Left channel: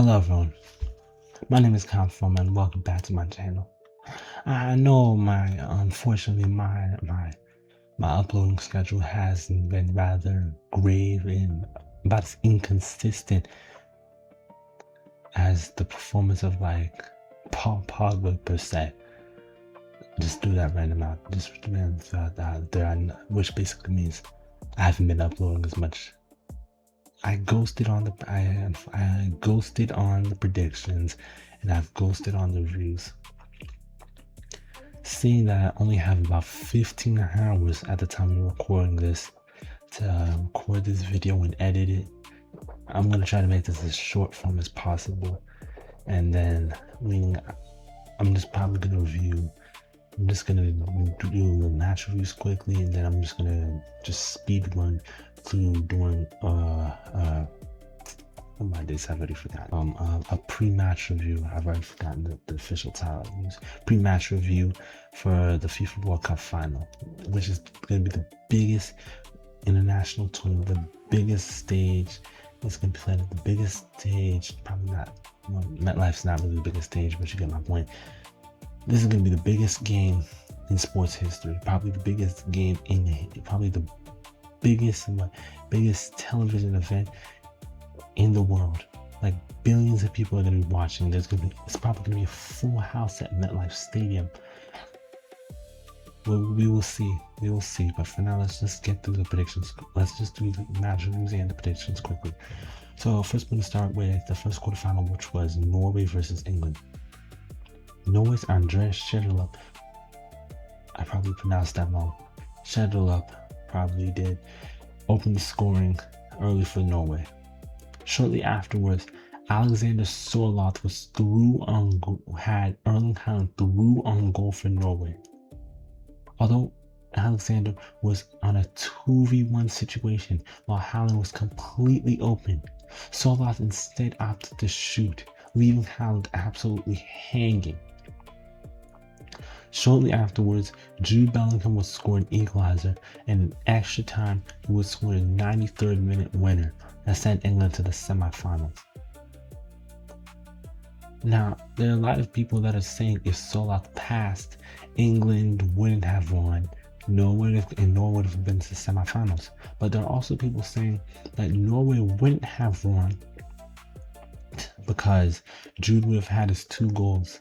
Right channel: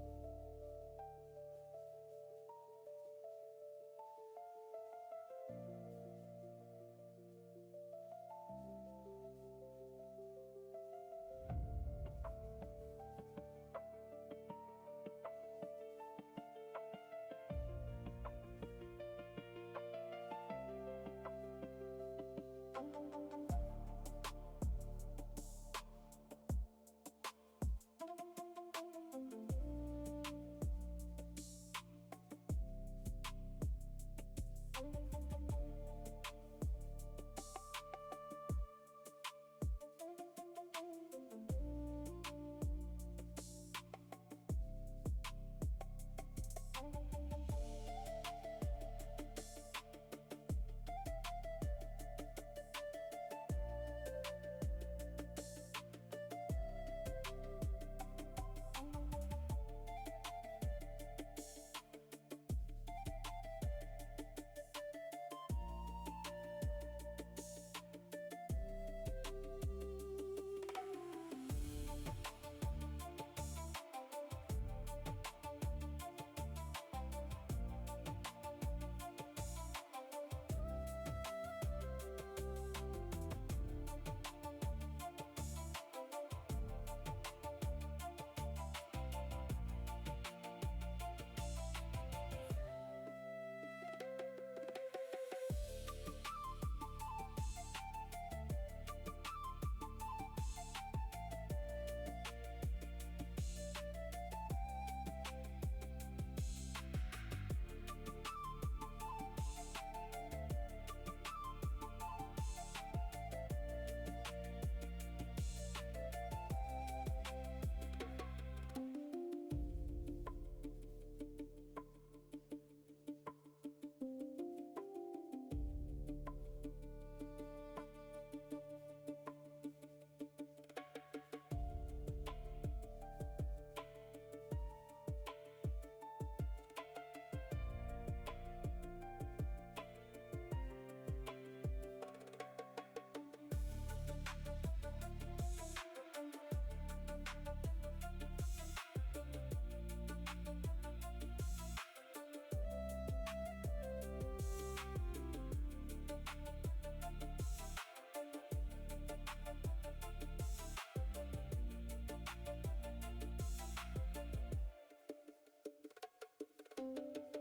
Hello everyone, my name is Kylen and welcome back to my channel. I know unfortunately my uploading schedule has been rather grave and about as inconsistent as the performance of like Paul Pogba per se. Just do that random out, just random out there, which basically means I haven't been uploading as much. I ghosted on the predictions, and I've ghosted on the reviews. Seeing that I only have about 15 hours at the time of recording this to record this video and edit it, I'm gonna try to make this as short form as possible. And then I'm just gonna do match reviews quickly, and then I'm just gonna speed run through doing my days, I've already forgotten. A pre-match review. I've already forgotten the official title I use. Pre-match review for the FIFA World Cup final, which is gonna be the biggest international tournament, the biggest stage. It's gonna be played at the biggest stage. Probably not. MetLife's not really the biggest stage, but you get my point. This is going to be the biggest game in sports history. Probably the biggest game probably the biggest television event in the world. Like billions of people are going to be watching. It's probably going to be a full house at MetLife Stadium. Well, we will see. But for now, let's just get through the predictions. Let's just do the match reviews and the predictions quickly. So first, we're going to start with the first quarterfinal, which was Norway versus England. Norway's Andreas Schjelderup, I probably pronounced that wrong. Schjelderup probably did open the scoring early for Norway. Shortly afterwards, Alexander Sørloth had Erling Haaland through on goal for Norway. Although Alexander was on a 2v1 situation while Haaland was completely open, Sørloth instead opted to shoot, leaving Haaland absolutely hanging. Shortly afterwards, Jude Bellingham would score an equalizer, and in extra time, he would score a 93rd minute winner that sent England to the semifinals. Now, there are a lot of people that are saying if Sørloth passed, England wouldn't have won, nor would have been to the semifinals. But there are also people saying that Norway wouldn't have won because Jude would have had his 2 goals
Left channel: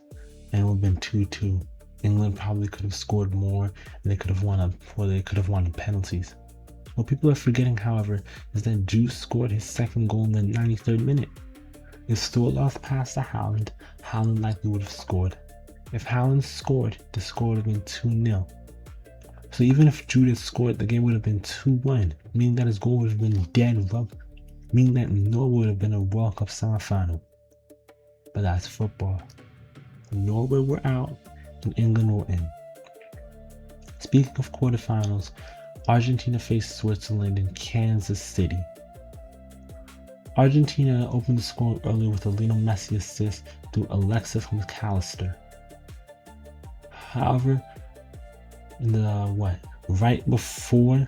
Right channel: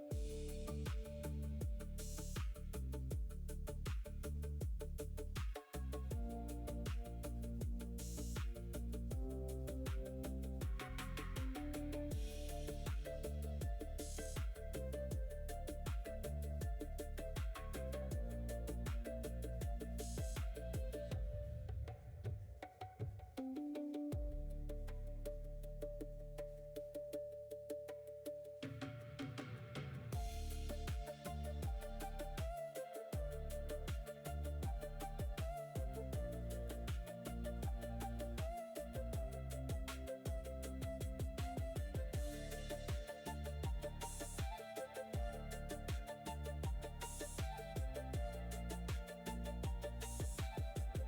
and it would have been 2-2. England probably could have scored more, and they could have won on penalties. What people are forgetting, however, is that Jude scored his 2nd goal in the 93rd minute. If Sørloth passed to Haaland, Haaland likely would have scored. If Haaland scored, the score would have been 2-0. So even if Jude had scored, the game would have been 2-1, meaning that his goal would have been dead rubber, meaning that Norway would have been a World Cup semifinal. But that's football. Norway were out, and England were in. Speaking of quarterfinals, Argentina faced Switzerland in Kansas City. Argentina opened the score early with a Lionel Messi assist through Alexis McAllister. However, right before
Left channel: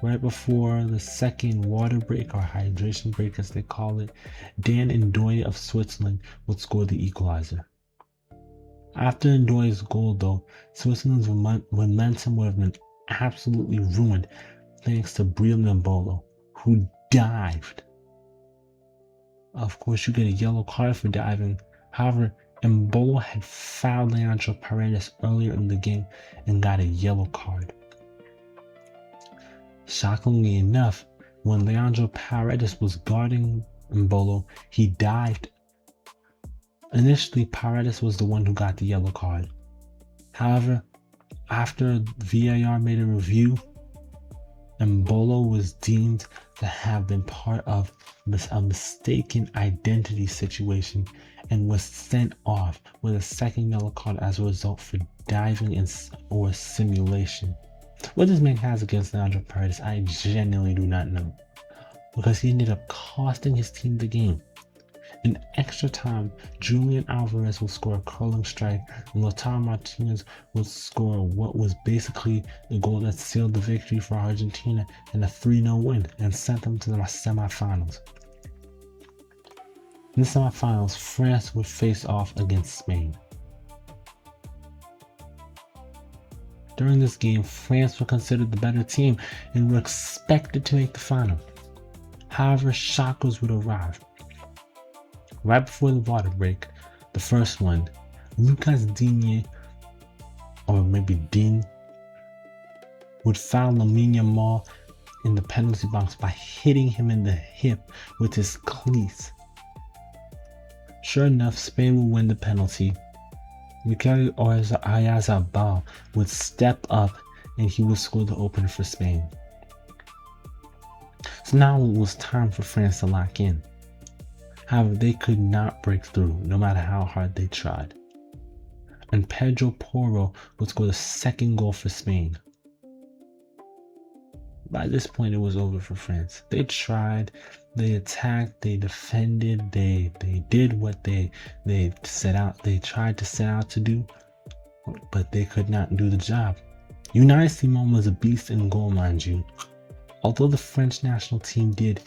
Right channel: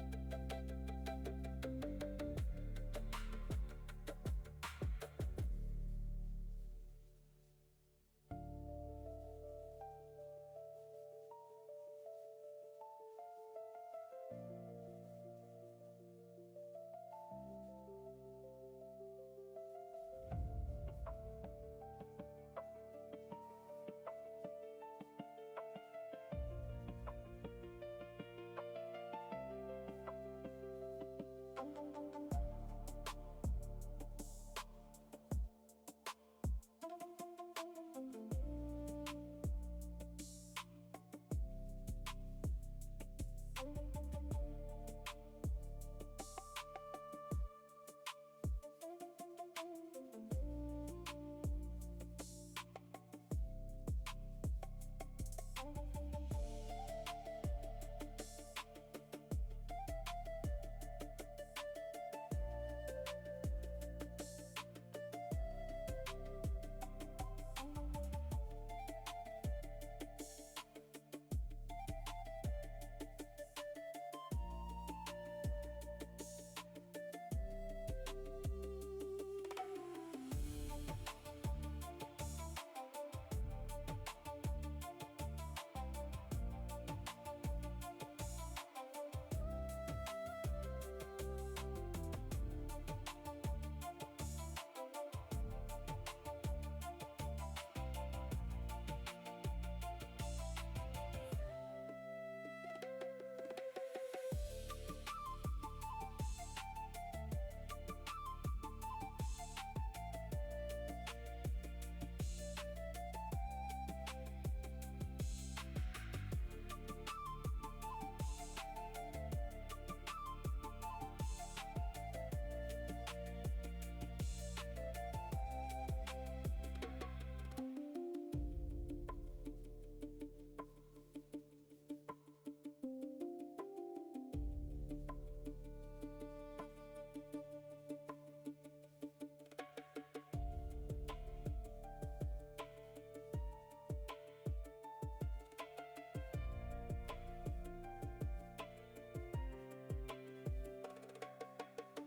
the second water break, or hydration break as they call it, Dan Ndoye of Switzerland would score the equalizer. After Ndoye's goal, though, Switzerland's momentum would have been absolutely ruined thanks to Breel Mbolo, who dived. Of course, you get a yellow card for diving. However, Mbolo had fouled Leandro Paredes earlier in the game and got a yellow card. Shockingly enough, when Leandro Paredes was guarding Mbolo, he dived. Initially, Paredes was the one who got the yellow card. However, after VAR made a review, Mbolo was deemed to have been part of a mistaken identity situation and was sent off with a 2nd yellow card as a result for diving or simulation. What this man has against Leandro Paredes, I genuinely do not know, because he ended up costing his team the game. In extra time, Julian Alvarez will score a curling strike, and Lautaro Martinez will score what was basically the goal that sealed the victory for Argentina in a 3-0 win and sent them to the semifinals. In the semifinals, France would face off against Spain. During this game, France were considered the better team and were expected to make the final. However, shockers would arrive. Right before the water break, the first one, Lucas Digne, or maybe Dean, would foul Lamine Yamal in the penalty box by hitting him in the hip with his cleats. Sure enough, Spain would win the penalty. Mikel Oyarzabal would step up and he would score the opener for Spain. So now it was time for France to lock in. However, they could not break through, no matter how hard they tried. And Pedro Porro would score the second goal for Spain. By this point, it was over for France. They tried, they attacked, they defended, they did what they tried to set out to do, but they could not do the job. Unai Simon was a beast in goal, mind you. Although the French national team did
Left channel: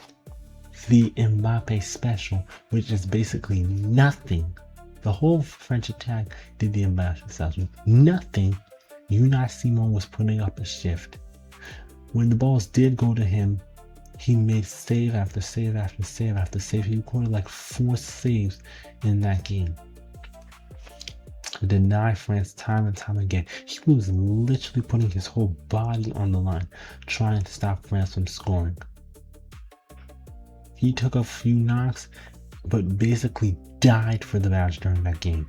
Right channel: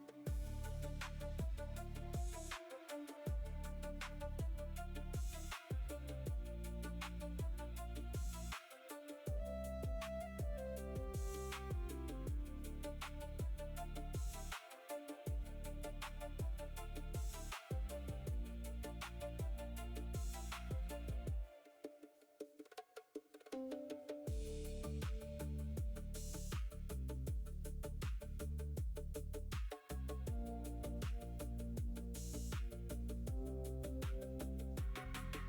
the Mbappe special, which is basically nothing. The whole French attack did the Mbappe special. Nothing. Unai Simon was putting up a shift. When the balls did go to him, he made save after save after save after save. He recorded like 4 saves in that game. Deny France time and time again. He was literally putting his whole body on the line, trying to stop France from scoring. He took a few knocks, but basically died for the match during that game.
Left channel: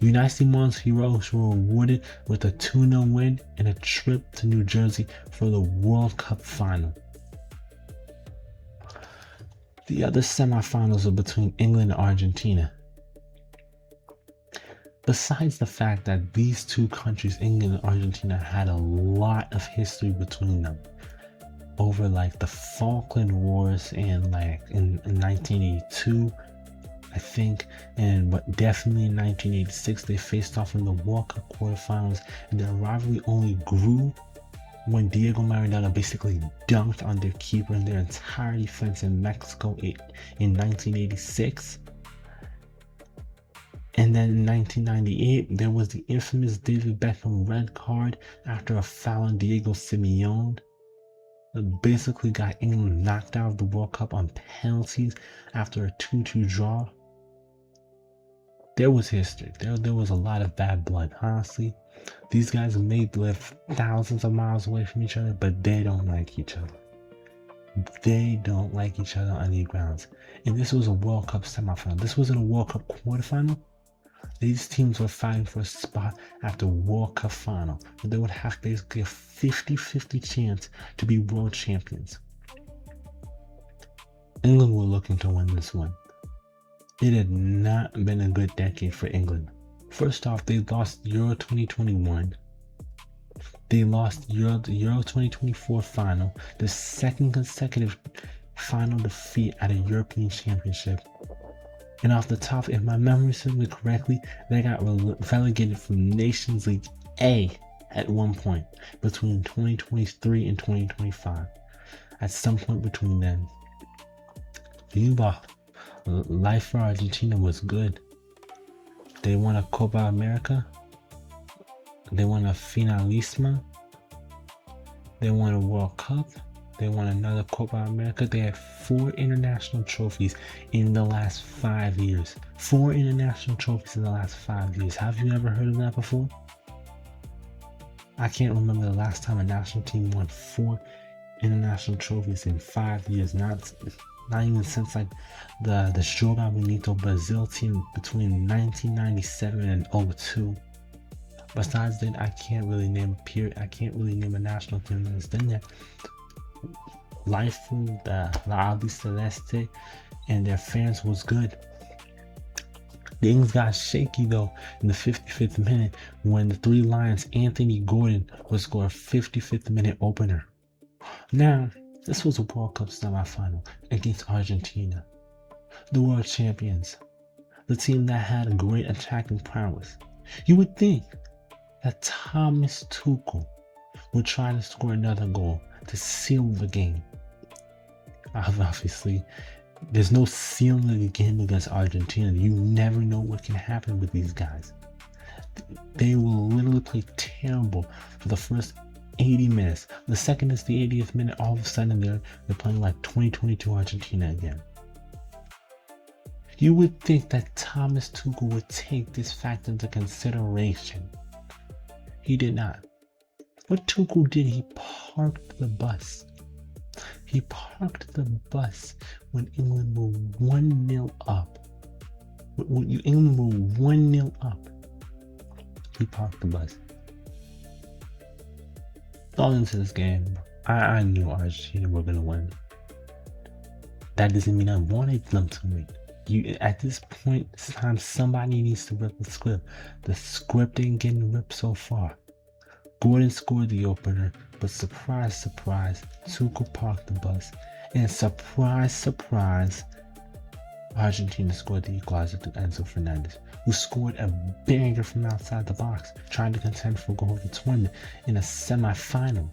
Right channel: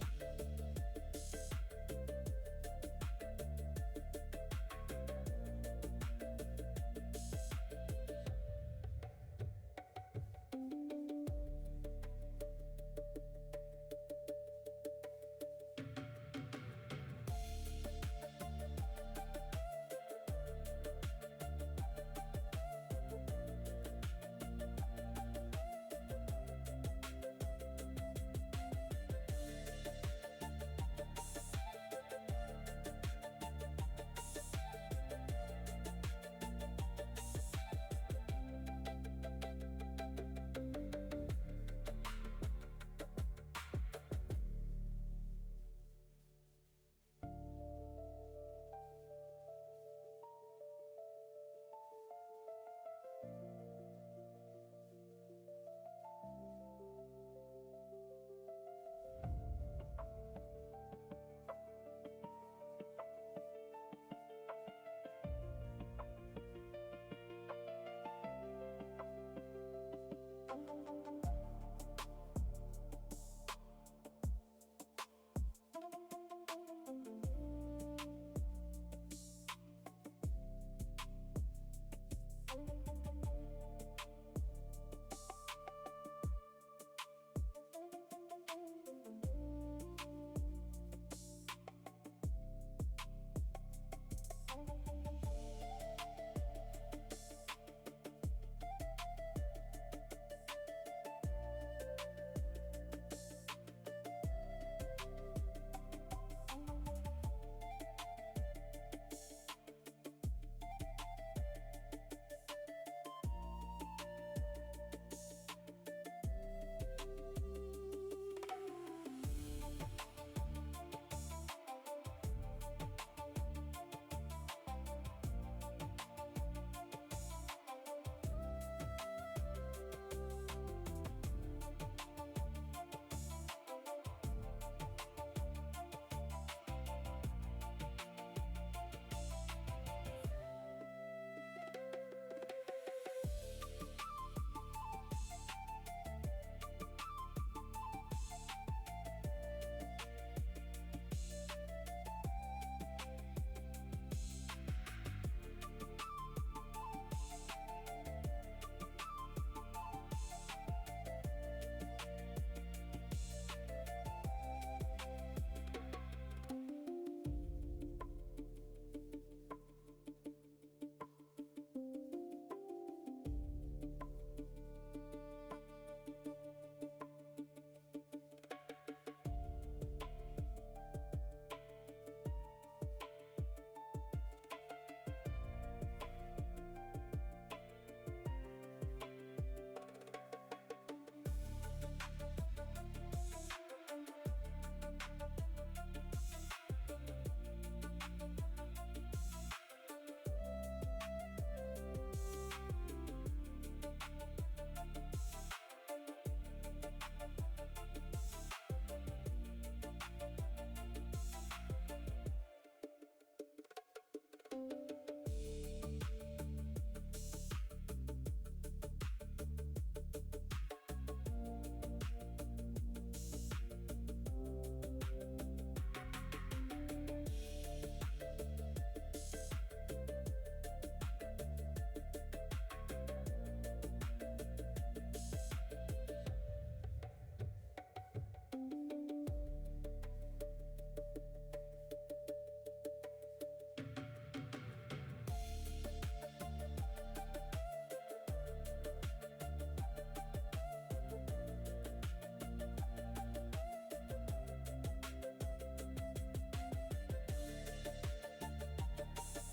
Unai Simon's heroes were rewarded with a 2-0 win and a trip to New Jersey for the World Cup final. The other semifinals were between England and Argentina. Besides the fact that these two countries, England and Argentina, had a lot of history between them over like the Falkland Wars and like in 1982, I think, but definitely in 1986 they faced off in the World Cup quarterfinals, and their rivalry only grew when Diego Maradona basically dunked on their keeper and their entire defense in Mexico in 1986. And then in 1998, there was the infamous David Beckham red card after a foul on Diego Simeone that basically got England knocked out of the World Cup on penalties after a 2-2 draw. There was history. There was a lot of bad blood, honestly. These guys may live thousands of miles away from each other, but they don't like each other. They don't like each other on any grounds. And this was a World Cup semifinal. This wasn't a World Cup quarterfinal. These teams were fighting for a spot at the World Cup final. So they would have basically a 50-50 chance to be world champions. England were looking to win this one. It had not been a good decade for England. First off, they lost Euro 2021. They lost the Euro 2024 final, the second consecutive final defeat at a European Championship. And off the top, if my memory serves me correctly, they got relegated from Nations League A at one point between 2023 and 2025. At some point between then. Life for Argentina was good. They won a Copa America. They won a Finalissima. They won a World Cup. They won another Copa America. They had 4 international trophies in the last 5 years. 4 international trophies in the last 5 years. Have you ever heard of that before? I can't remember the last time a national team won 4 international trophies in 5 years. Not even since like the Joga Bonito Brazil team between 1997 and 2002. Besides that, I can't really name a national team that's done that. Life from the Albi Celeste and their fans was good. Things got shaky though in the 55th minute when the Three Lions Anthony Gordon would score a 55th minute opener. Now, this was a World Cup semifinal against Argentina, the world champions, the team that had a great attacking prowess. You would think that Thomas Tuchel would try to score another goal to seal the game. Obviously, There's no ceiling of the game against Argentina. You never know what can happen with these guys. They will literally play terrible for the first 80 minutes. The second is the 80th minute, all of a sudden they're playing like 2022 Argentina again. You would think that Thomas Tuchel would take this fact into consideration. He did not. What Tuchel did, he parked the bus. He parked the bus when England were 1-0 up. When England were 1-0 up, he parked the bus. Going into this game, I knew Argentina were going to win. That doesn't mean I wanted them to win. At this point in time, somebody needs to rip the script. The script ain't getting ripped so far. Gordon scored the opener, but surprise, surprise, Tuchel parked the bus. And surprise, surprise, Argentina scored the equalizer to Enzo Fernandez, who scored a banger from outside the box, trying to contend for goal of the tournament in a semi-final.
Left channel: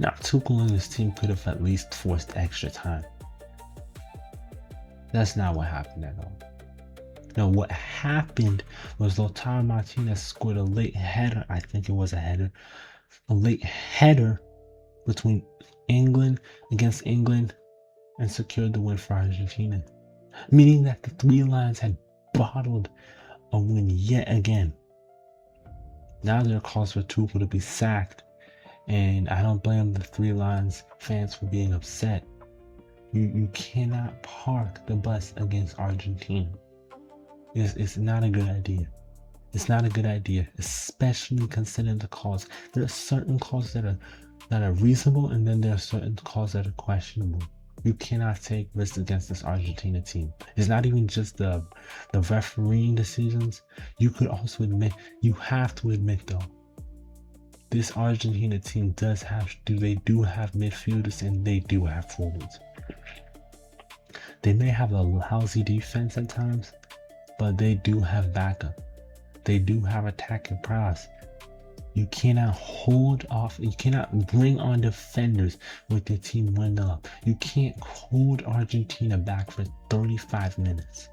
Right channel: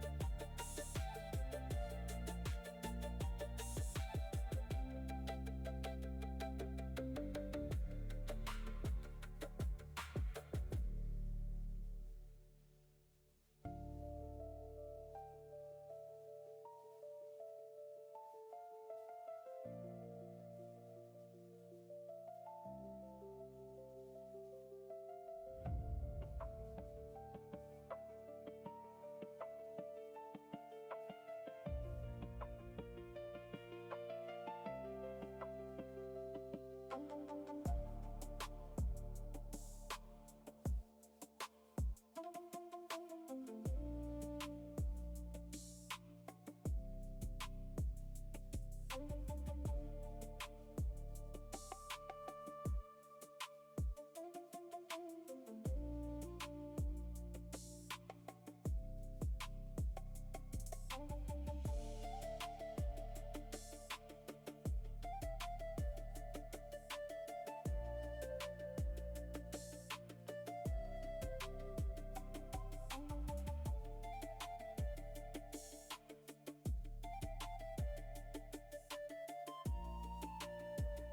Now, Tuchel and his team could have at least forced extra time. That's not what happened at all. No, what happened was Lautaro Martinez scored a late header. I think it was a late header between against England, and secured the win for Argentina. Meaning that the Three Lions had bottled a win yet again. Now there are calls for Tuchel to be sacked, and I don't blame the Three Lions fans for being upset. You cannot park the bus against Argentina. It's not a good idea. It's not a good idea, especially considering the calls. There are certain calls that are reasonable, and then there are certain calls that are questionable. You cannot take risks against this Argentina team. It's not even just the refereeing decisions. You have to admit though, this Argentina team do have midfielders, and they do have forwards. They may have a lousy defense at times, but they do have backup. They do have attacking prowess. You cannot hold off. You cannot bring on defenders with your team 1-0 up. You can't hold Argentina back for 35 minutes.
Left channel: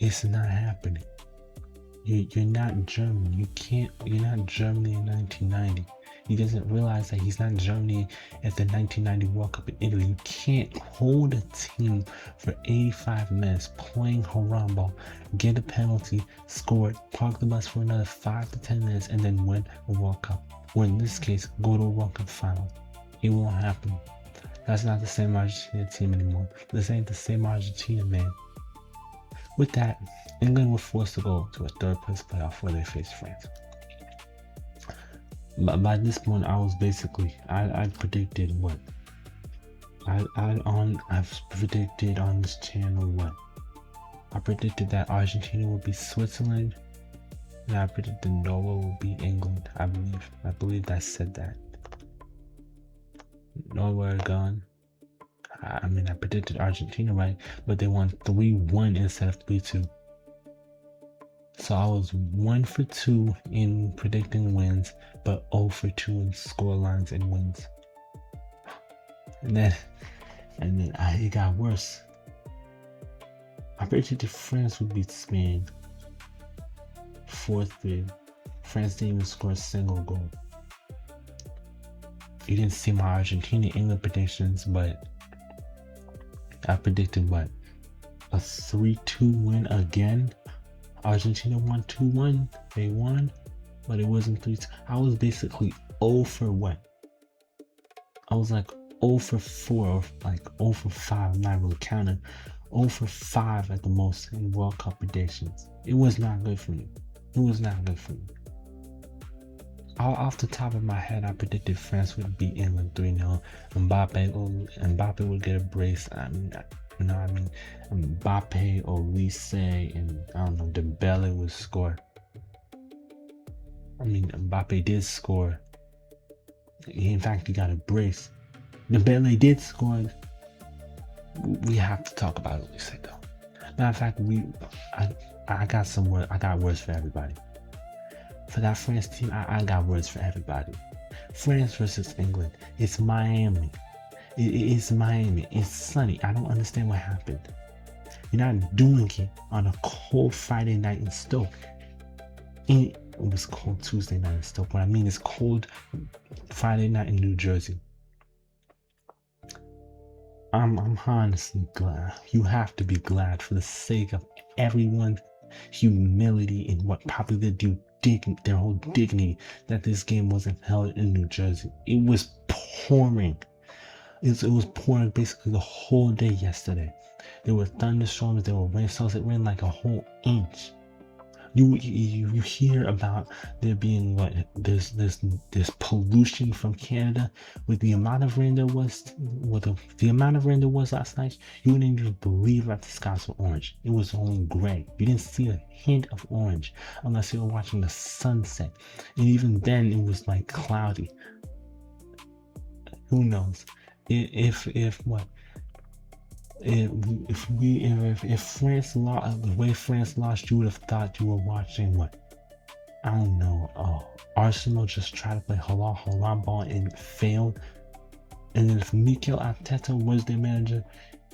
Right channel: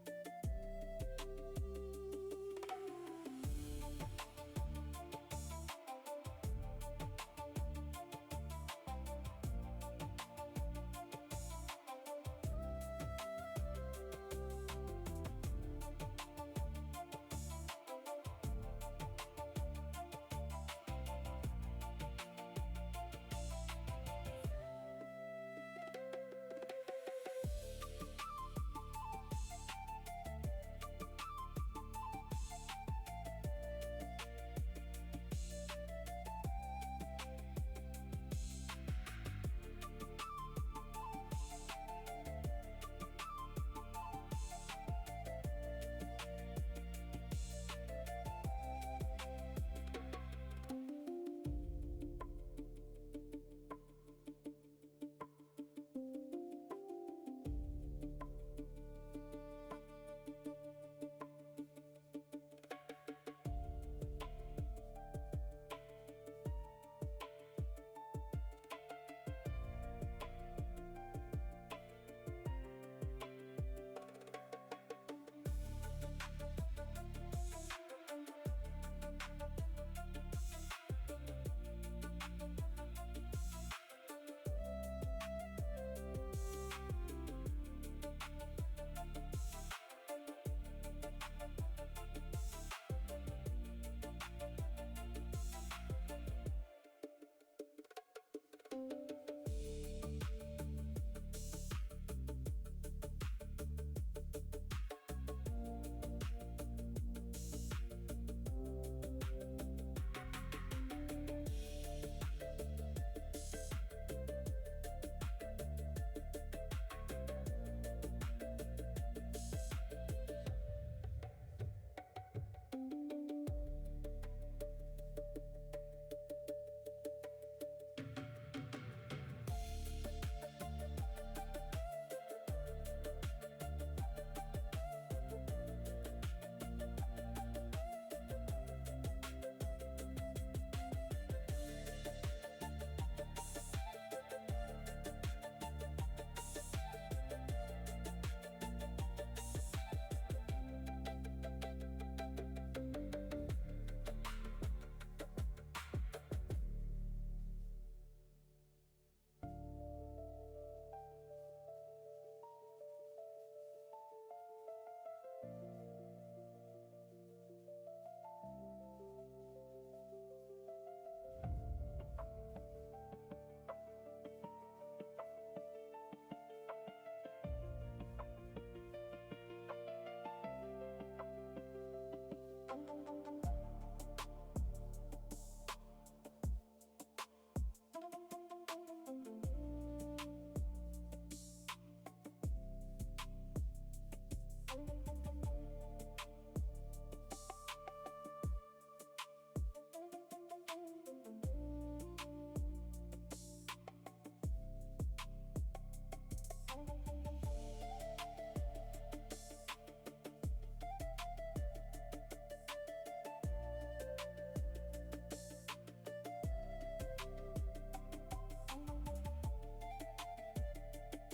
It's not happening. You're not Germany. You're not Germany in 1990. He doesn't realize that he's not Germany at the 1990 World Cup in Italy. You can't hold a team for 85 minutes playing Harambe, get a penalty, score it, park the bus for another 5 to 10 minutes, and then win a World Cup. Or in this case, go to a World Cup final. It won't happen. That's not the same Argentina team anymore. This ain't the same Argentina, man. With that, England were forced to go to a third place playoff where they faced France. But by this point, I was basically, I predicted what? I've predicted on this channel what? I predicted that Argentina would be Switzerland, and I predicted Norway would be England. I believe I said that. Norway are gone. I predicted Argentina right, but they won 3-1 instead of 3-2. So I was 1 for 2 in predicting wins, but 0 for 2 in scorelines and wins. And then it got worse. I predicted France would beat Spain 4-3. France didn't even score a single goal. You didn't see my Argentina-England predictions, but I predicted what? A 3-2 win again? Argentina won 2-1. They won, but it wasn't 3-2. I was basically 0 for what? I was like 0 for 4 or like 0 for 5. I'm not really counting. 0 for 5 at the most in World Cup predictions. It was not good for me. Off the top of my head, I predicted France would beat England 3-0. Mbappe would get a brace. Mbappe, Olise, and I don't know, Dembele would score. Mbappe did score. In fact, he got a brace. Dembele did score. We have to talk about Olise though. Matter of fact, I got words for everybody. For that France team, I got words for everybody. France versus England. It's Miami. It's Miami. It's sunny. I don't understand what happened. You're not doing it on a cold Friday night in Stoke. It was cold Tuesday night in Stoke. What I mean is cold Friday night in New Jersey. I'm honestly glad. You have to be glad for the sake of everyone's humility and what probably their whole dignity that this game wasn't held in New Jersey. It was pouring. It was pouring basically the whole day yesterday. There were thunderstorms, there were rainstorms. It rained like a whole inch. You hear about there being there's pollution from Canada with the amount of rain there was the amount of rain there was last night. You wouldn't even believe that the skies were orange. It was only gray. You didn't see a hint of orange unless you were watching the sunset, and even then it was like cloudy. Who knows? If France lost the way France lost, you would have thought you were watching what? I don't know. Arsenal just tried to play halal ball and failed. And then if Mikel Arteta was their manager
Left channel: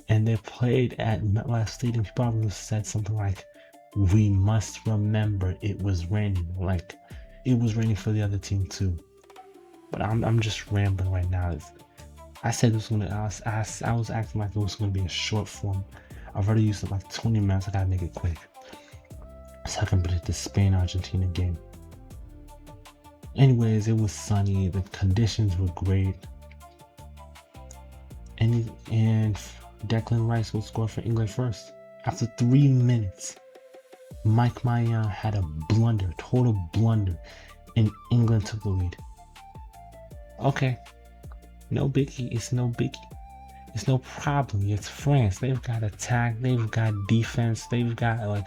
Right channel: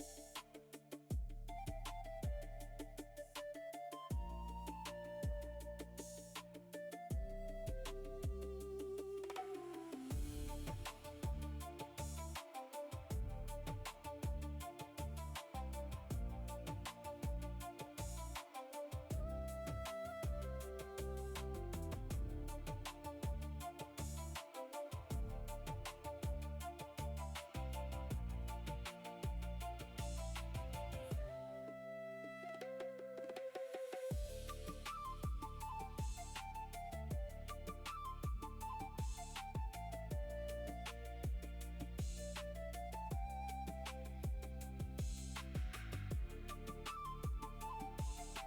and they played at MetLife Stadium, he probably would have said something like, "We must remember it was raining." Like it was raining for the other team too. But I'm just rambling right now. I said this was I was acting like it was gonna be a short form. I've already used it like 20 minutes. I gotta make it quick so I can predict the Spain-Argentina game. Anyways, it was sunny. The conditions were great. And Declan Rice will score for England first. After 3 minutes, Mike Maignan had a total blunder, and England took the lead. Okay. No biggie. It's no biggie. It's no problem. It's France. They've got attack. They've got defense. They've got like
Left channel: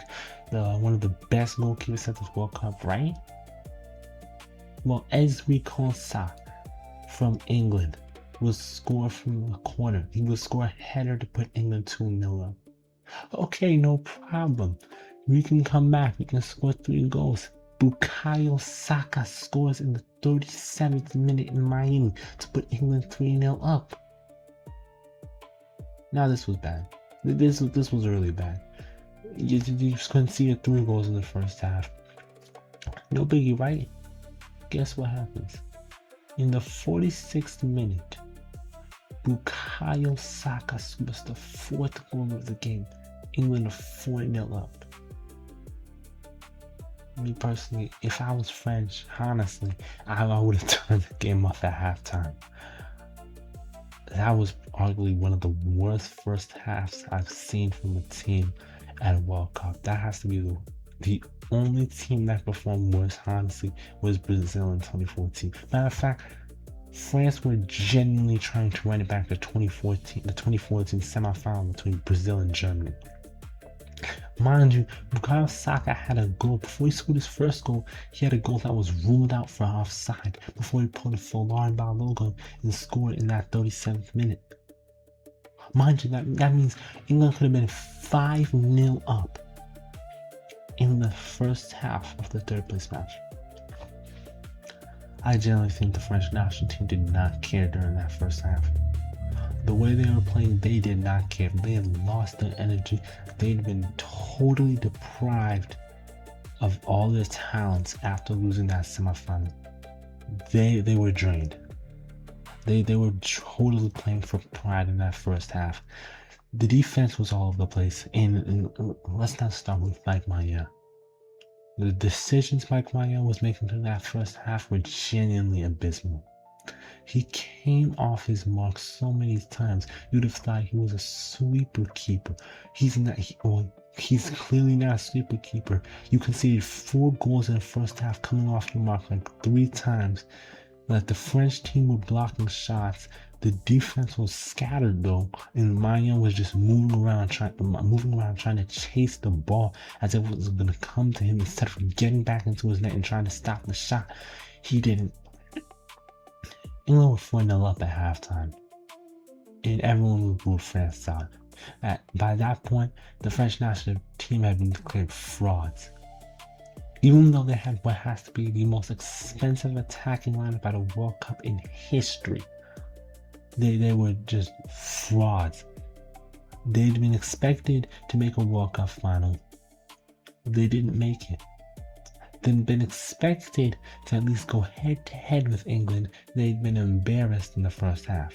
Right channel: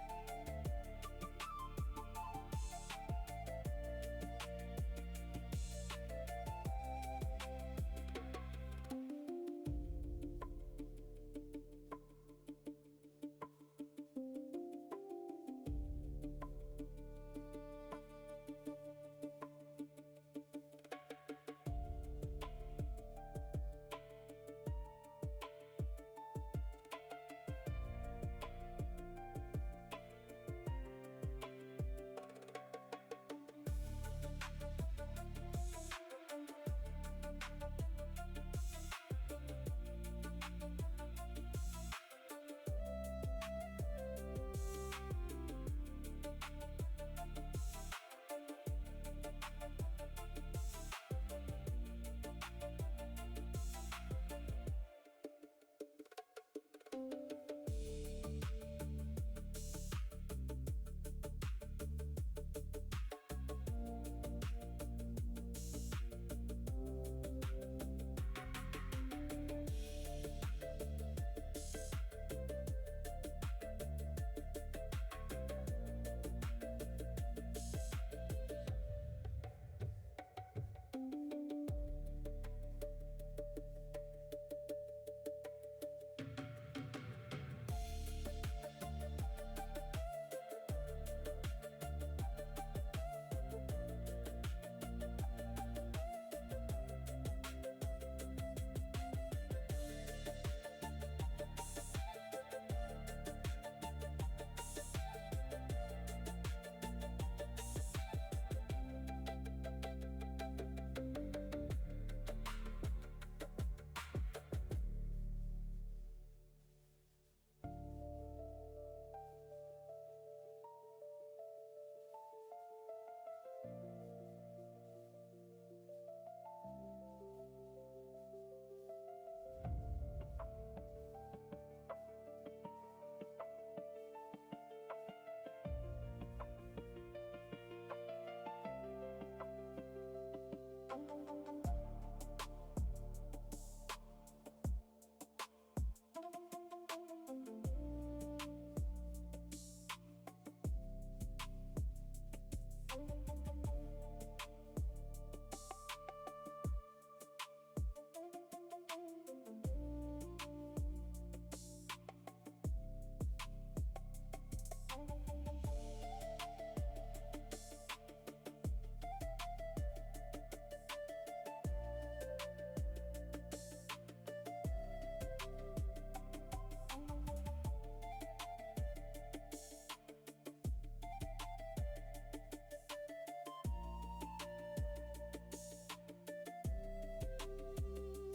one of the best goalkeepers at this World Cup, right? Well, Ezri Konsa from England will score from the corner. He will score a header to put England 2-0 up. Okay, no problem. We can come back. We can score 3 goals. Bukayo Saka scores in the 37th minute in Miami to put England 3-0 up. Now this was bad. This was really bad. You just couldn't see the 3 goals in the first half. No biggie, right? Guess what happens? In the 46th minute, Bukayo Saka scores the 4th goal of the game. England are 4-0 up. Me personally, if I was French, honestly, I would have turned the game off at halftime. That was arguably one of the worst first halves I've seen from a team at a World Cup. That has to be the only team that performed worse, honestly, was Brazil in 2014. Matter of fact, France were genuinely trying to run it back to the 2014 semifinal between Brazil and Germany. Mind you, Bukayo Saka had a goal. Before he scored his first goal, he had a goal that was ruled out for offside before he pulled a Laurent Balogun and scored in that 37th minute. Mind you, that means England could have been 5-0 up in the first half of the third place match. I generally think the French national team did not care during that first half. The way they were playing, they did not care. They had lost their energy. They'd been totally deprived of all their talents after losing that semifinal. They were drained. They were totally playing for pride in that first half. The defense was all over the place. And let's not start with Mike Maignan. The decisions Mike Maignan was making through that first half were genuinely abysmal. He came off his mark so many times, you'd have thought he was a sweeper keeper. He's clearly not a sweeper keeper. You conceded 4 goals in the first half, coming off your mark like 3 times. Like the French team were blocking shots. The defense was scattered though, and Maignan was just moving around trying to chase the ball as if it was going to come to him instead of getting back into his net and trying to stop the shot. He didn't. England were 4-0 up at halftime, and everyone ruled France out. By that point, the French national team had been declared frauds. Even though they had what has to be the most expensive attacking lineup at a World Cup in history, They were just frauds. They'd been expected to make a World Cup final. They didn't make it. They'd been expected to at least go head to head with England. They'd been embarrassed in the first half.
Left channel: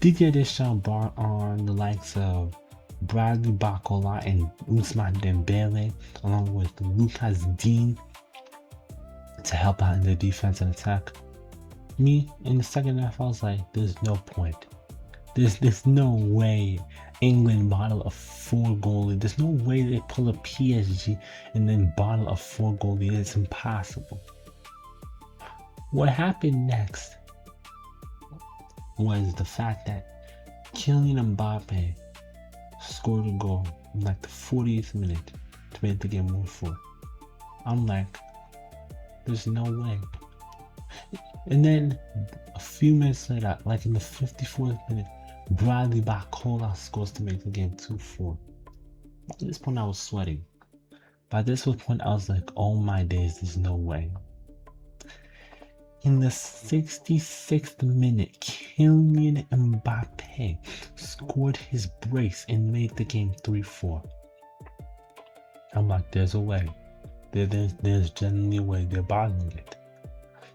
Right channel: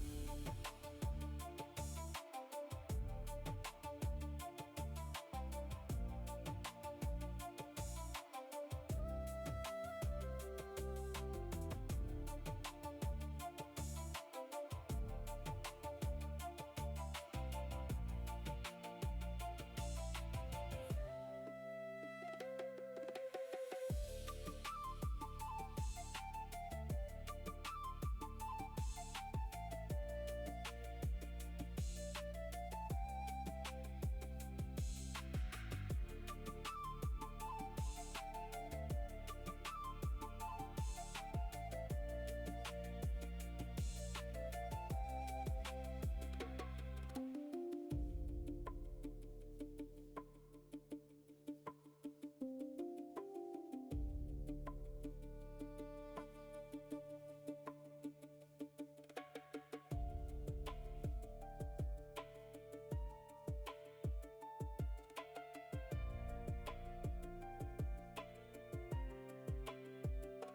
Didier Deschamps brought on the likes of Bradley Barcola and Ousmane Dembele, along with Lucas Digne, to help out in the defense and attack. Me, in the second half, I was like, there's no point. There's no way England bottle a 4-goal lead. There's no way they pull a PSG and then bottle a 4-goal lead. It's impossible. What happened next was the fact that Kylen Mbappe scored a goal in like the 40th minute to make the game 1-4. I'm like, there's no way. And then a few minutes later, like in the 54th minute, Bradley Barcola scores to make the game 2-4. At this point, I was sweating. By this point, I was like, oh my days, there's no way. In the 66th minute, Kylian Mbappe scored his brace and made the game 3-4. I'm like, there's a way. There's genuinely a way. They're bottling it.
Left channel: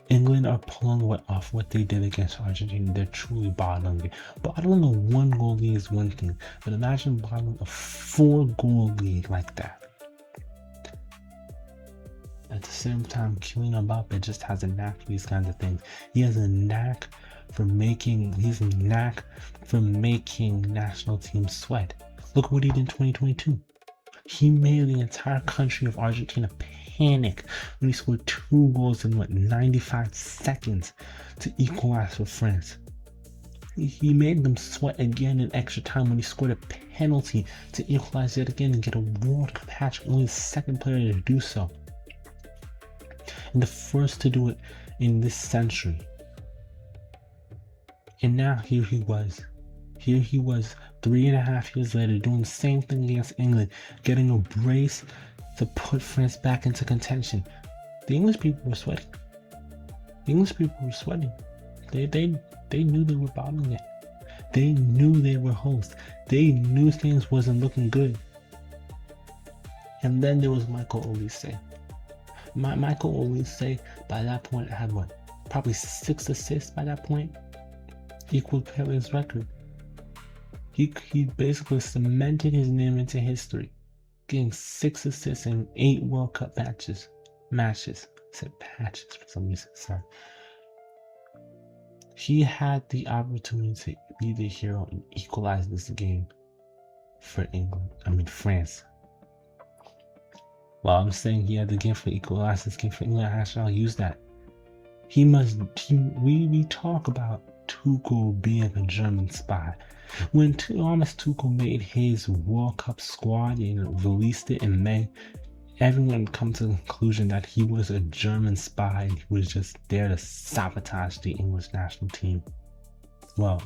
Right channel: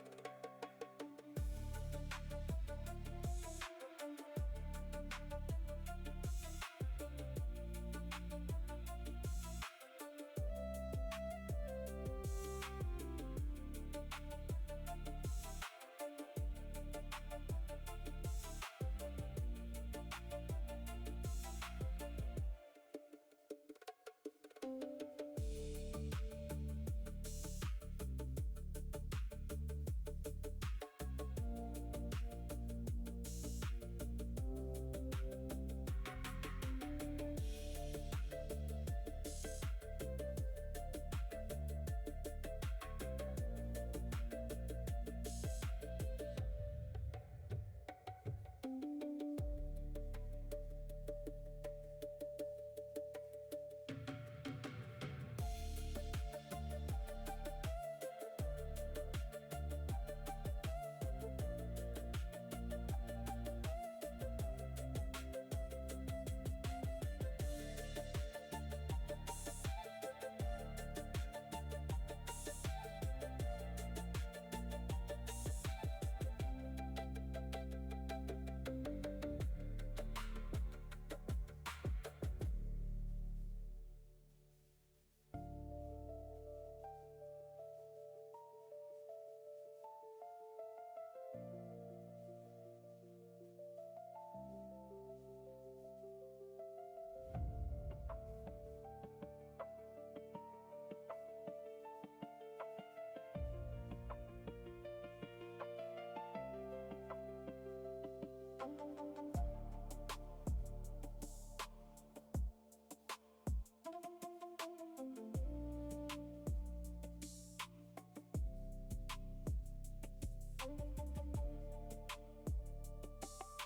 England are pulling off what they did against Argentina. They're truly bottling it. Bottling a 1-goal lead is one thing, but imagine bottling a 4-goal lead like that. At the same time, Kylian Mbappe just has a knack for these kinds of things. He has a knack for making national teams sweat. Look what he did in 2022. He made the entire country of Argentina panic when he scored 2 goals in 95 seconds to equalize for France. He made them sweat again in extra time when he scored a penalty to equalize yet again and get a World Cup hat-trick, only the second player to do so. And the first to do it in this century. And now here he was 3.5 years later doing the same thing against England, getting a brace to put France back into contention. The English people were sweating. They knew they were bottling it. They knew they were hosts. They knew things wasn't looking good. And then there was Michael Olise. Michael Olise by that point had probably 6 assists by that point. Equaled Pele's record. He basically cemented his name into history, getting 6 assists in 8 World Cup matches. I said patches for some reason, sorry. He had the opportunity to be the hero and equalize this game for France. Well, I'm saying he had the game for equalize this game for England. I shall use that. We talk about Tuchel being a German spy. When Thomas Tuchel made his World Cup squad and released it in May, everyone come to the conclusion that he was a German spy and he was just there to sabotage the English national team. Well,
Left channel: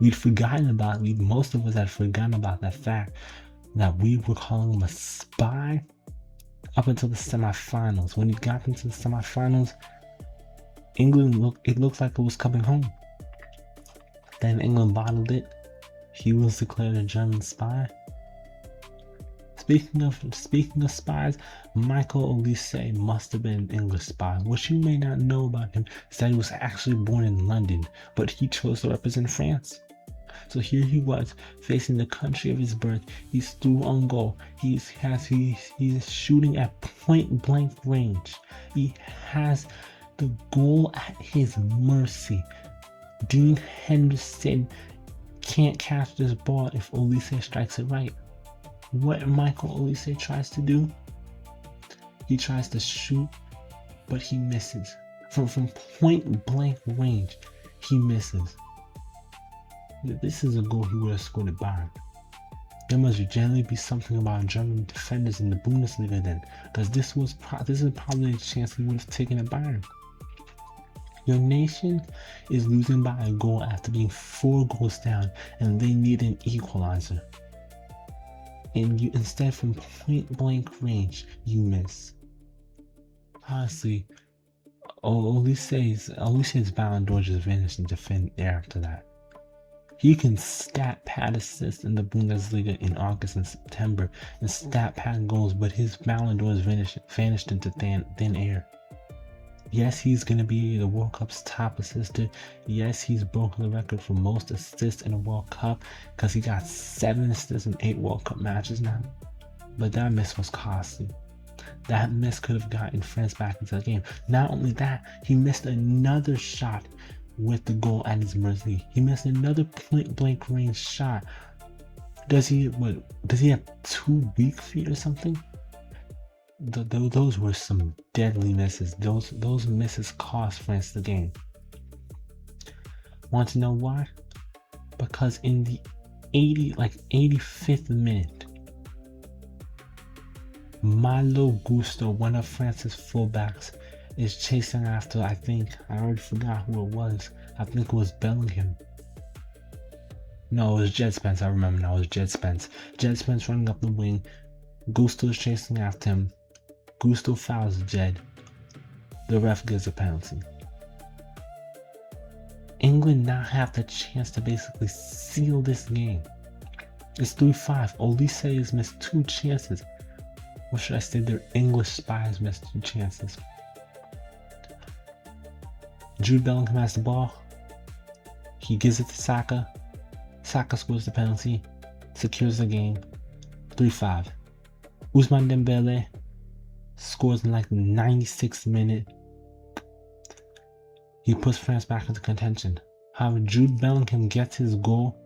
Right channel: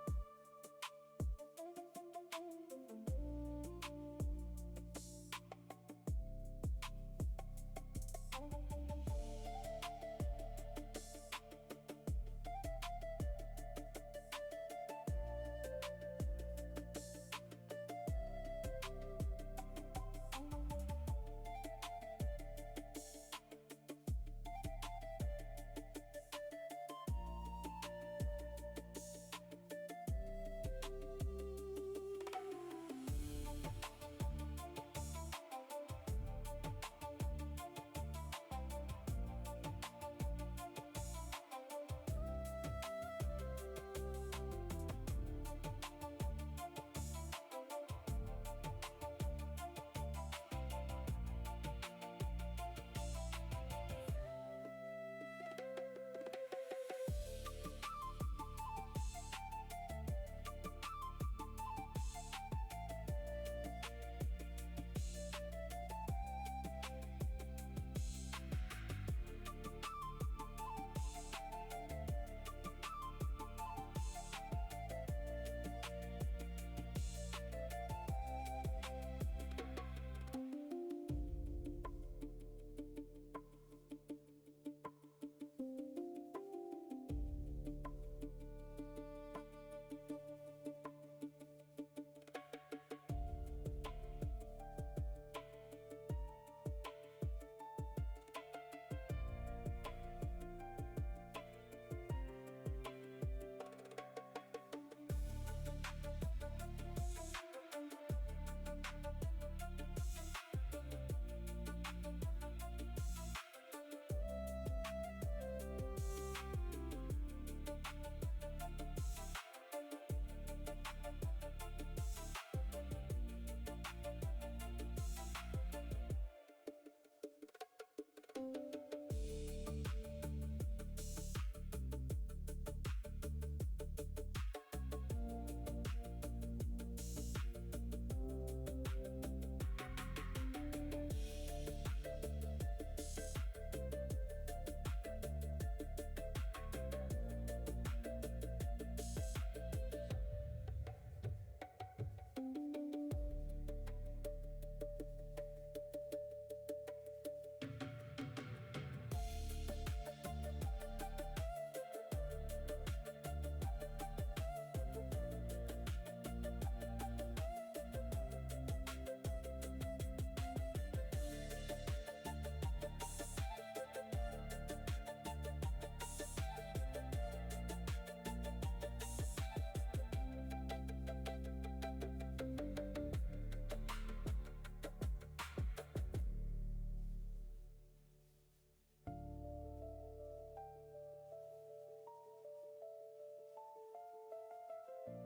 most of us had forgotten about that fact that we were calling him a spy up until the semifinals. When he got into the semifinals, England looked like it was coming home. Then England bottled it. He was declared a German spy. Speaking of spies, Michael Olise must have been an English spy. What you may not know about him is that he was actually born in London, but he chose to represent France. So here he was, facing the country of his birth. He's through on goal. He's shooting at point blank range. He has the goal at his mercy. Dean Henderson can't catch this ball if Olise strikes it right. What Michael Olise tries to do, he tries to shoot, but he misses. From point blank range, he misses. This is a goal he would have scored at Bayern. There must generally be something about German defenders in the Bundesliga then, because this is probably a chance he would have taken at Bayern. Your nation is losing by a goal after being 4 goals down, and they need an equalizer. And you instead, from point blank range, you miss. Honestly, Olise's Ballon d'Or just vanished into thin air after that. He can stat pad assists in the Bundesliga in August and September and stat pad goals, but his Ballon d'Or is vanished into thin air. Yes, he's going to be the World Cup's top assister. Yes, he's broken the record for most assists in a World Cup because he got 7 assists in 8 World Cup matches now. But that miss was costly. That miss could have gotten France back into the game. Not only that, he missed another shot with the goal at his mercy. He missed another point blank range shot. Does he have 2 weak feet or something? Those were some deadly misses. Those misses cost France the game. Want to know why? Because in the 85th minute, Malo Gusto, one of France's fullbacks, is chasing after, I already forgot who it was. I think it was Bellingham. No, it was Jed Spence. I remember now, it was Jed Spence. Jed Spence running up the wing. Gusto is chasing after him. Gusto fouls Jed. The ref gives a penalty. England now have the chance to basically seal this game. It's 3-5. Olise has missed 2 chances. Or should I say their English spies missed 2 chances. Jude Bellingham has the ball. He gives it to Saka. Saka scores the penalty. Secures the game. 3-5. Ousmane Dembele scores in like the 96th minute. He puts France back into contention. However, Jude Bellingham gets his goal.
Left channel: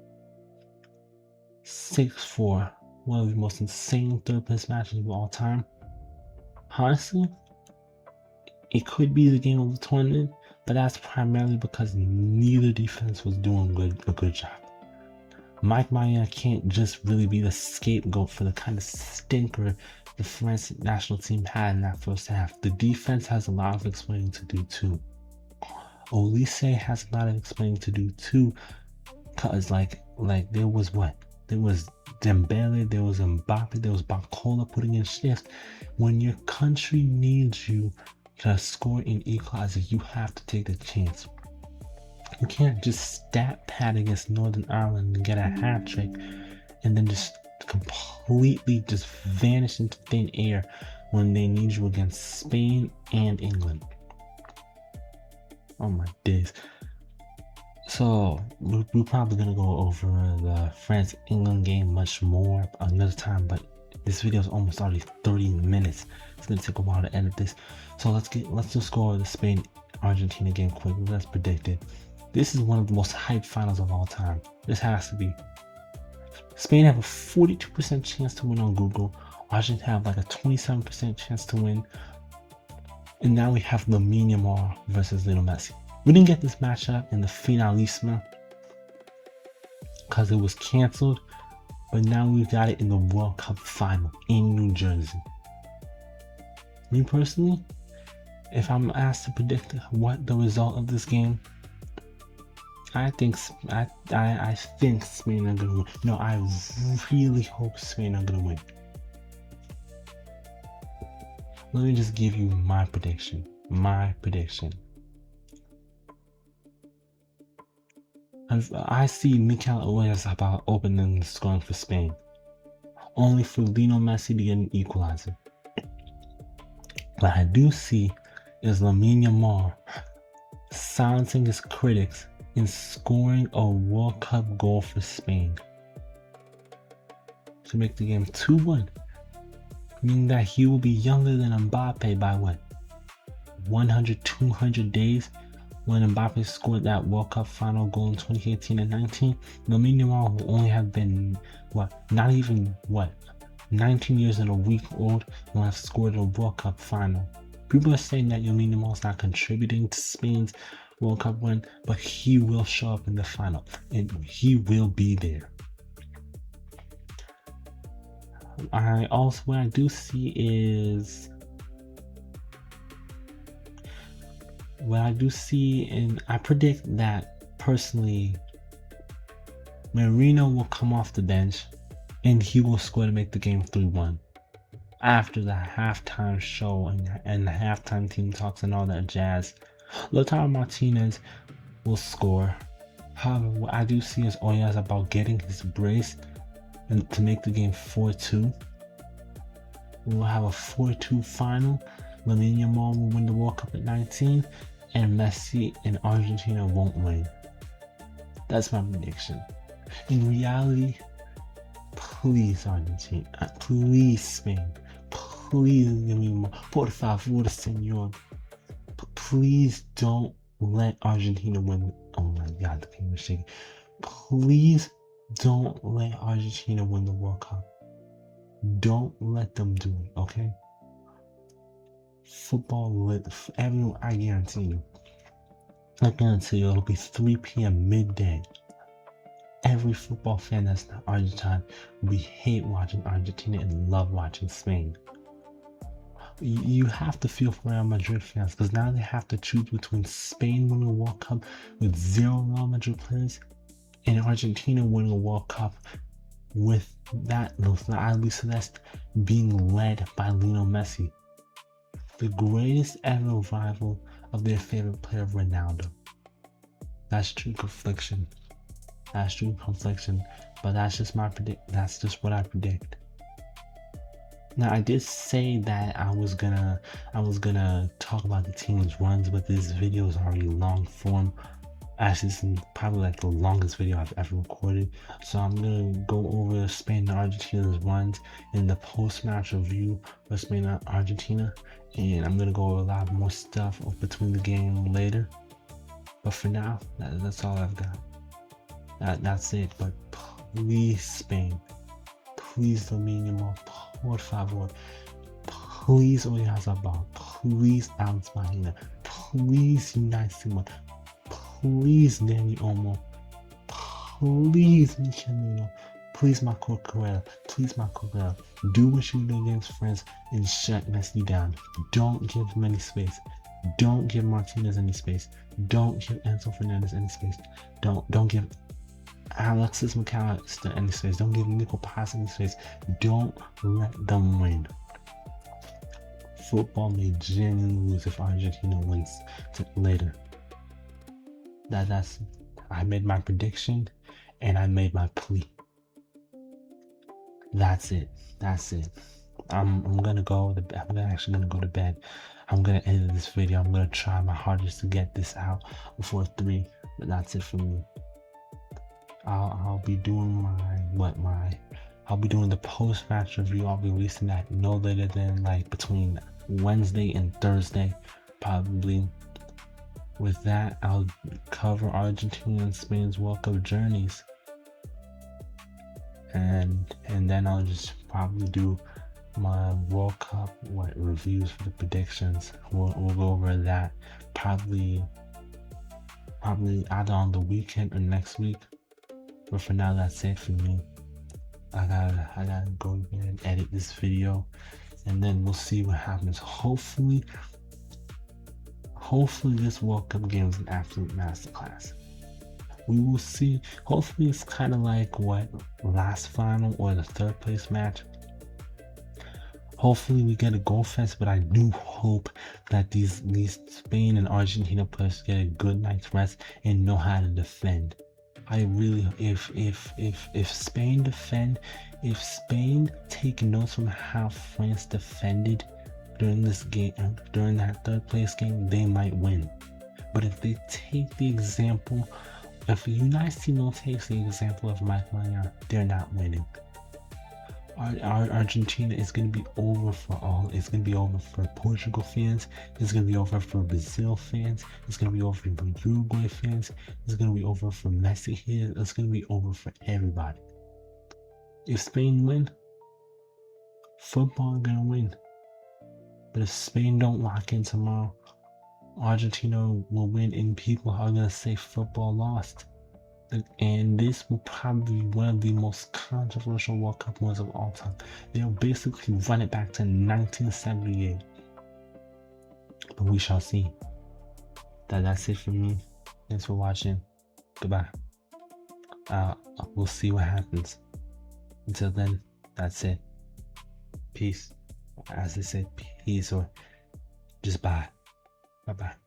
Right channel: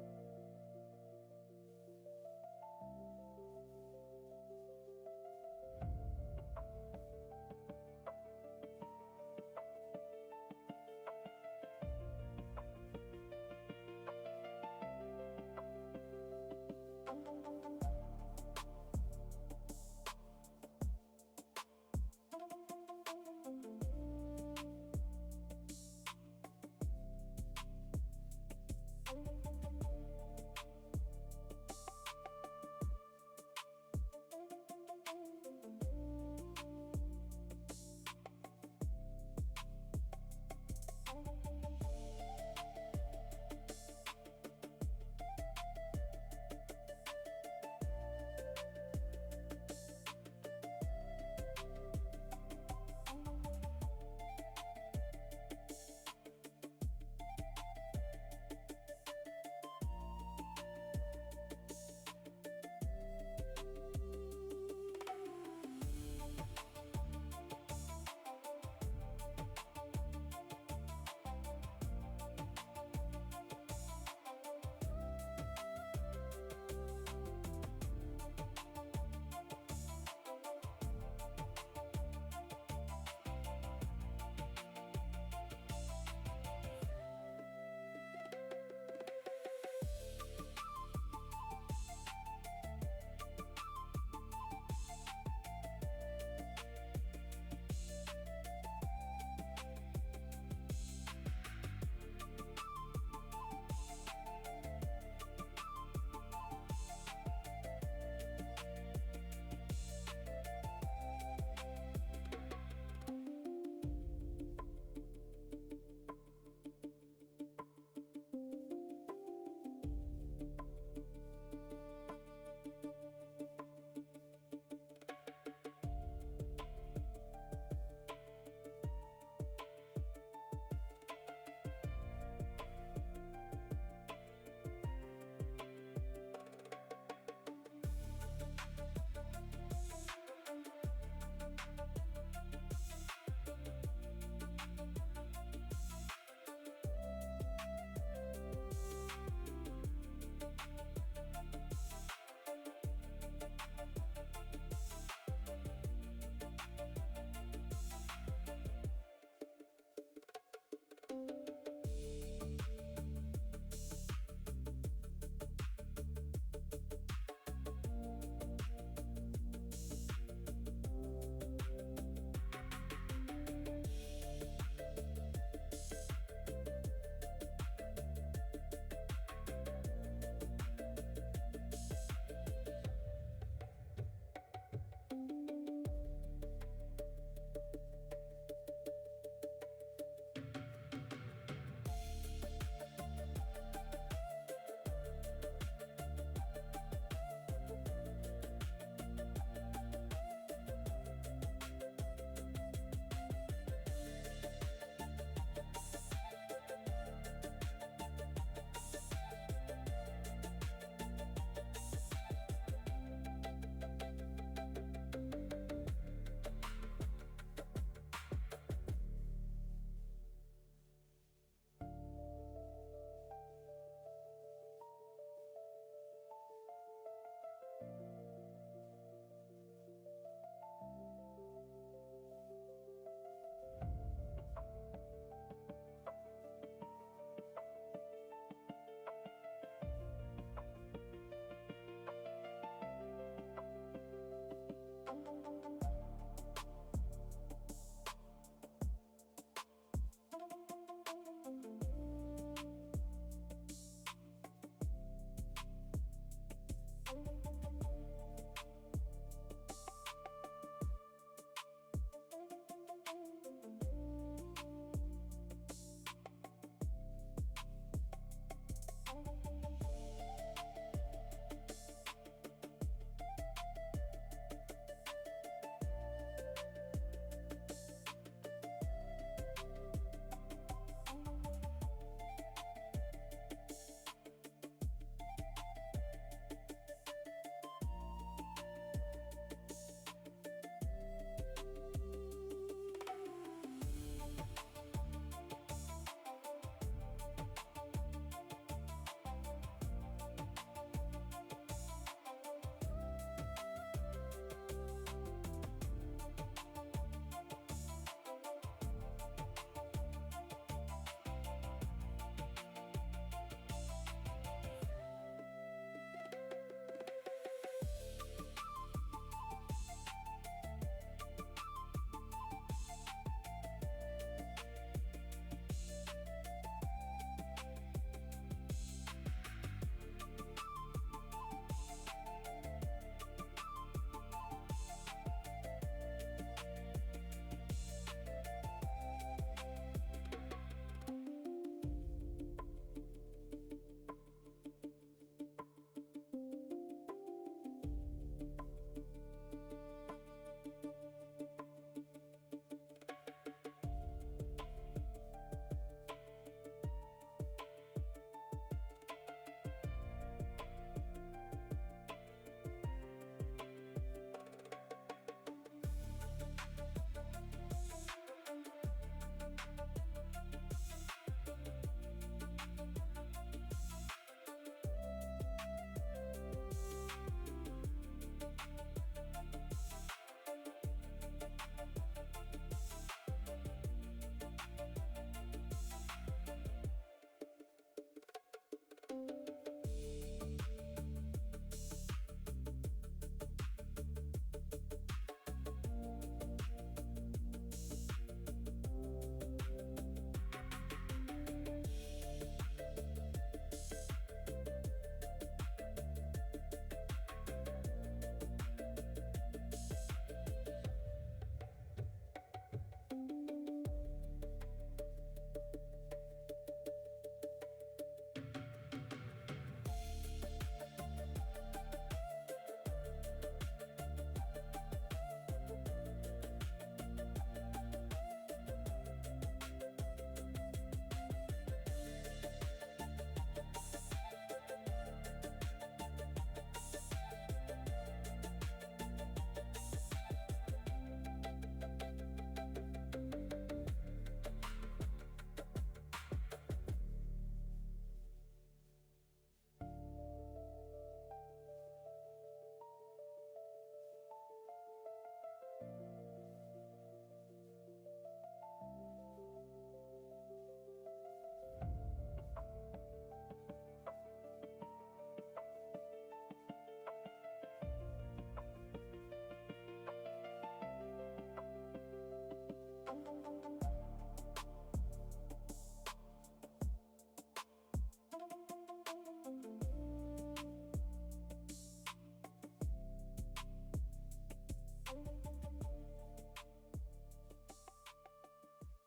6-4. One of the most insane third-place matches of all time. Honestly, it could be the game of the tournament, but that's primarily because neither defense was doing a good job. Mike Maignan can't just really be the scapegoat for the kind of stinker the French national team had in that first half. The defense has a lot of explaining to do too. Olise has a lot of explaining to do too, cause like there was what? There was Dembele, there was Mbappe, there was Barcola putting in shifts. When your country needs you to score an equalizer, you have to take the chance. You can't just stat pad against Northern Ireland and get a hat trick and then just completely just vanish into thin air when they need you against Spain and England. Oh my days. So we're probably gonna go over the France-England game much more another time, but this video is almost already 30 minutes. It's gonna take a while to edit this. So let's just go over the Spain-Argentina game quickly. Let's predict it. This is one of the most hyped finals of all time. This has to be. Spain have a 42% chance to win on Google. Argentina have like a 27% chance to win. And now we have Lamine Yamal versus Lionel Messi. We didn't get this matchup in the Finalissima because it was canceled, but now we got it in the World Cup final in New Jersey. Me personally, if I'm asked to predict what the result of this game, I think Spain are gonna win. No, I really hope Spain are gonna win. Let me just give you my prediction. I see Mikel Oyarzabal about opening the scoring for Spain, only for Lionel Messi to get an equalizer. What I do see is Lamine Yamal silencing his critics and scoring a World Cup goal for Spain to make the game 2-1, meaning that he will be younger than Mbappe by what, 100, 200 days. When Mbappe scored that World Cup final goal in 2018 and 19, Lamine Yamal will only have been 19 years and a week old when I've scored a World Cup final. People are saying that Lamine Yamal is not contributing to Spain's World Cup win, but he will show up in the final and he will be there. What I do see, and I predict that personally, Marino will come off the bench and he will score to make the game 3-1. after the halftime show and the halftime team talks and all that jazz, Lautaro Martinez will score. However, what I do see is Oya is about getting his brace and to make the game 4-2. We'll have a 4-2 final. Lamine Yamal will win the World Cup at 19, and Messi and Argentina won't win. That's my prediction. In reality, please Argentina, please Spain, please give me more. Por favor, señor. Please don't let Argentina win. Oh my God, the game was shaking. Please don't let Argentina win the World Cup. Don't let them do it, okay? Football, everyone, I guarantee you. I guarantee you it'll be 3 p.m. midday. Every football fan that's not Argentine will hate watching Argentina and love watching Spain. You have to feel for Real Madrid fans because now they have to choose between Spain winning a World Cup with 0 Real Madrid players and Argentina winning a World Cup with that Celeste being led by Lionel Messi, the greatest ever rival of their favorite player, Ronaldo. That's true confliction. That's true confliction, but that's just what I predict. Now I did say that I was gonna talk about the team's runs, but this video is already long form. Actually, this is probably like the longest video I've ever recorded. So I'm gonna go over Spain and Argentina's runs in the post-match review for Spain and Argentina, and I'm gonna go over a lot more stuff between the game later. But for now, that's all I've got. That's it. But please, Spain, please Lamine Yamal, por favor, please Oyarzabal, please Alex Mahina, please Unai Simon, please Dani Olmo, please Michelino, please Marco Correa, do what you do against France and shut Messi down. Don't give him any space. Don't give Martinez any space. Don't give Enzo Fernandez any space. Don't give Alexis McAllister any space. Don't give Nico Paz any space. Don't let them win. Football may genuinely lose if Argentina wins later. I made my prediction and I made my plea. That's it. I'm actually gonna go to bed. I'm gonna end this video. I'm gonna try my hardest to get this out before 3, but that's it for me. I'll be doing I'll be doing the post-match review. I'll be releasing that no later than like between Wednesday and Thursday, probably. With that, I'll cover Argentina and Spain's World Cup journeys, and then I'll just probably do my World Cup reviews for the predictions. We'll go over that probably either on the weekend or next week. But for now, that's it for me. I gotta go and edit this video, and then we'll see what happens. Hopefully this World Cup game is an absolute masterclass. We will see. Hopefully it's kind of like what last final or the 3rd place match. Hopefully we get a goal fest, but I do hope that these Spain and Argentina players get a good night's rest and know how to defend. I really, if Spain take notes from how France defended during this game, during that 3rd place game, they might win. But if they take the example, if Unai Simon takes the example of Mike Maignan, they're not winning. Argentina is going to be over for all. It's going to be over for Portugal fans. It's going to be over for Brazil fans. It's going to be over for Uruguay fans. It's going to be over for Messi here. It's going to be over for everybody. If Spain win, football is going to win. But if Spain don't lock in tomorrow, Argentina will win and people are going to say football lost. And this will probably be one of the most controversial World Cup wins of all time. They'll basically run it back to 1978. But we shall see. That's it for me. Thanks for watching. Goodbye. We'll see what happens. Until then, that's it. Peace. as they say, peace or just bye. Bye bye.